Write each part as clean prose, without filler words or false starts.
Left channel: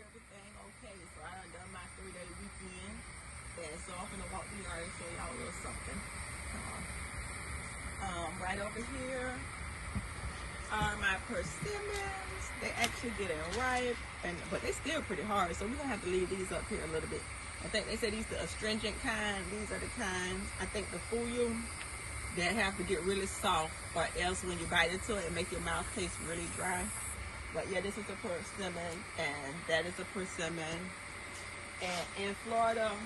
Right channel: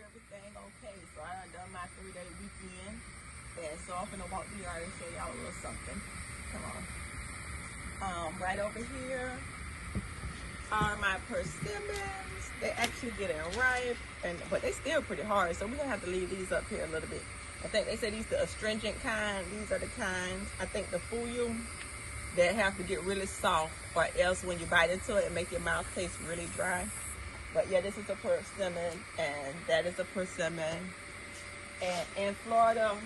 everything okay. So I done my 3-day weekend. And so I'm gonna walk the yard and show y'all a little something. Come on. Right over here are my persimmons. They actually getting ripe, but they still pretty hard. So we're gonna have to leave these up here a little bit. I think they said these are the astringent kind. These are the kinds. I think the full they have to get really soft, or else when you bite into it, it makes your mouth taste really dry. But yeah, this is a persimmon, and that is a persimmon. And in Florida,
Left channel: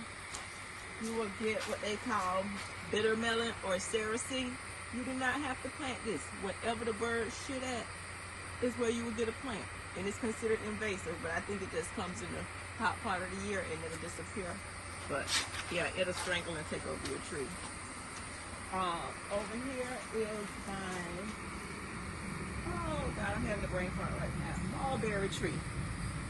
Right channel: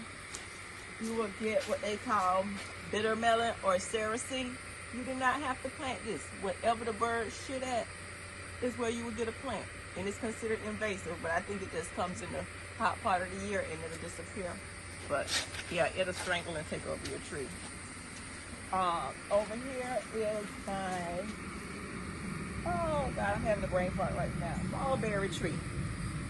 you will get what they call bitter melon or cerasee. You do not have to plant this. Wherever the birds shit at is where you will get a plant. And it's considered invasive, but I think it just comes in the hot part of the year and it'll disappear. But yeah, it'll strangle and take over your tree. Over here is oh God, I'm having a brain fart right now. Mulberry Tree.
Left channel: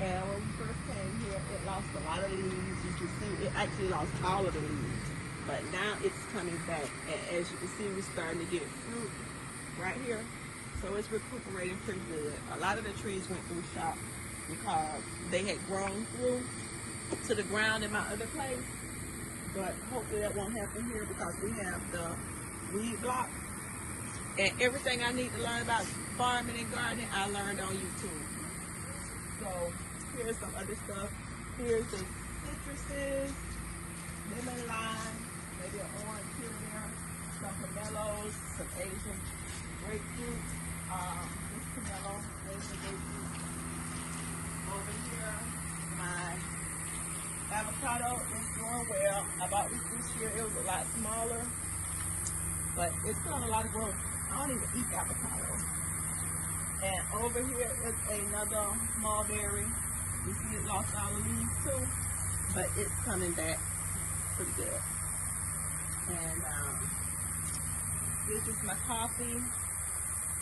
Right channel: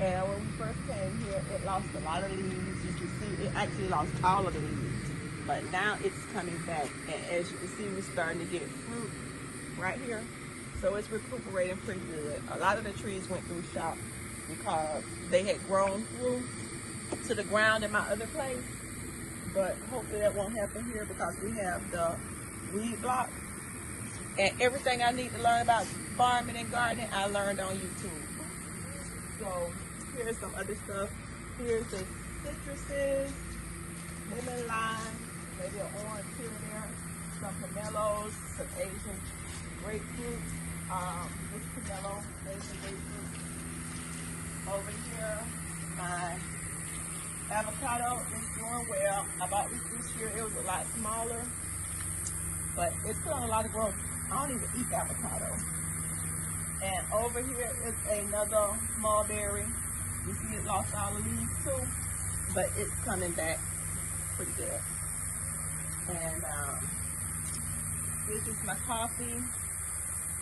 And when we first came here, it lost a lot of leaves. You can see it actually lost all of the leaves. But now it's coming back. And as you can see, we're starting to get fruit right here. So it's recuperating pretty good. A lot of the trees went through shock because they had grown through to the ground in my other place. But hopefully that won't happen here because we have the weed block. And everything I need to learn about farming and gardening, I learned on YouTube. So here's some other stuff. Here's the citruses, lemon lime, maybe an orange here and there, some pomelos, some Asian grapefruit, this pomelo, Asian grapefruit. Over here, my avocado is doing well. I bought this year, it was a lot smaller, but it's still a lot of growth. I don't even eat avocado. And over here is another mulberry. You see it lost all the leaves too, but it's coming back pretty good. And this is my coffee.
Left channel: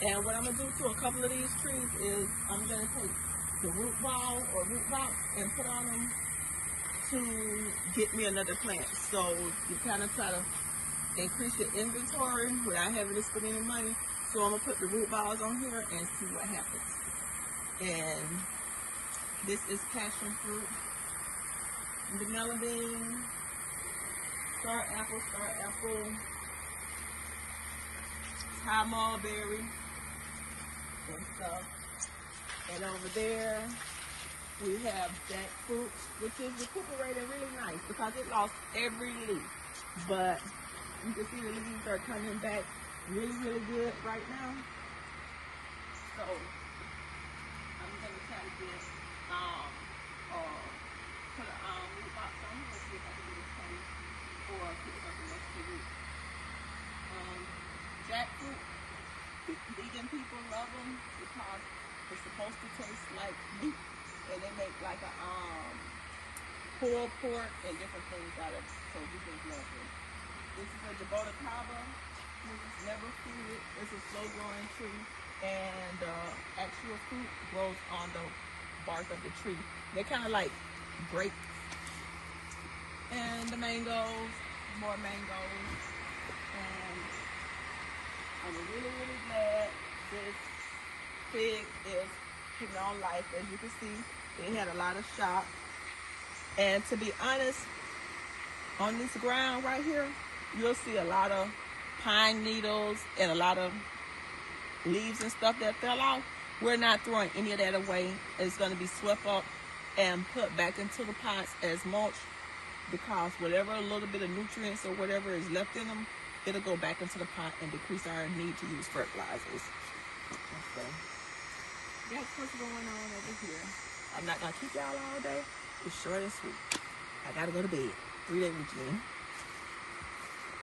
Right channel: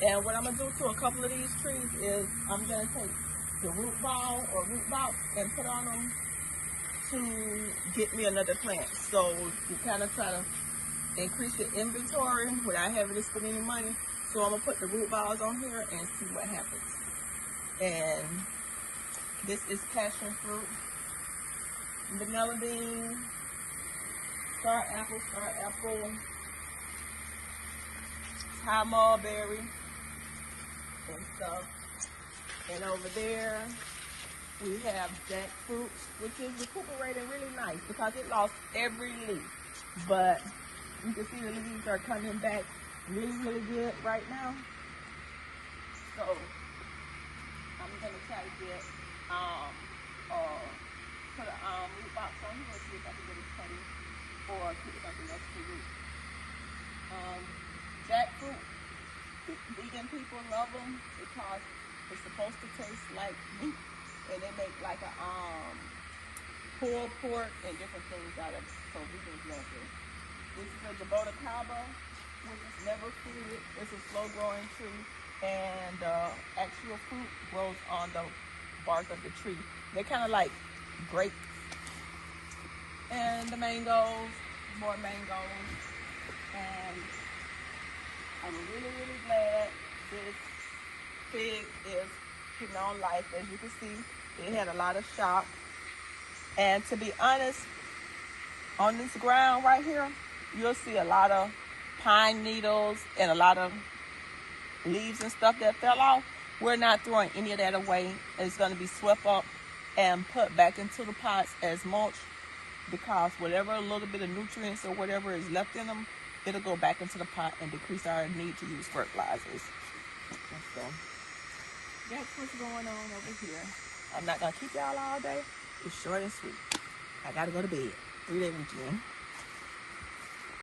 And what I'm gonna do to a couple of these trees is I'm gonna take the root ball or root box and put on them to get me another plant. So you kind of try to increase your inventory without having to spend any money. So I'm gonna put the root balls on here and see what happens. And this is passion fruit, vanilla bean, star apple, high mulberry, and stuff. And over there we have jackfruit, which is recuperating really nice because it lost every leaf. But you can see the leaves are coming back really good right now. So I'm gonna try to get put a root box on here, see if I can get it changed or put it up the next week. Jackfruit, vegan people love them because it's supposed to taste like meat, and they make like a pulled pork and different things out of it. So vegans love it. This is a Jabota Cabo, which is never fruited. It's a slow growing tree, and actual fruit grows on the bark of the tree. They're kind of like grapes. And the mangoes, more mangoes. And I'm really glad this pig is keeping on life. As you can see, it had a lot of shock. And to be honest, on this ground right here, you'll see a lot of pine needles and a lot of leaves and stuff that fell off. We're not throwing any of that away. It's going to be swept up and put back into the pots as mulch, because whatever little bit of nutrients or whatever is left in them, it'll go back into the pot and decrease our need to use fertilizers. So that's what's going on over here. I'm not going to keep y'all all day. It's short and sweet. I got to go to bed. 3-day weekend.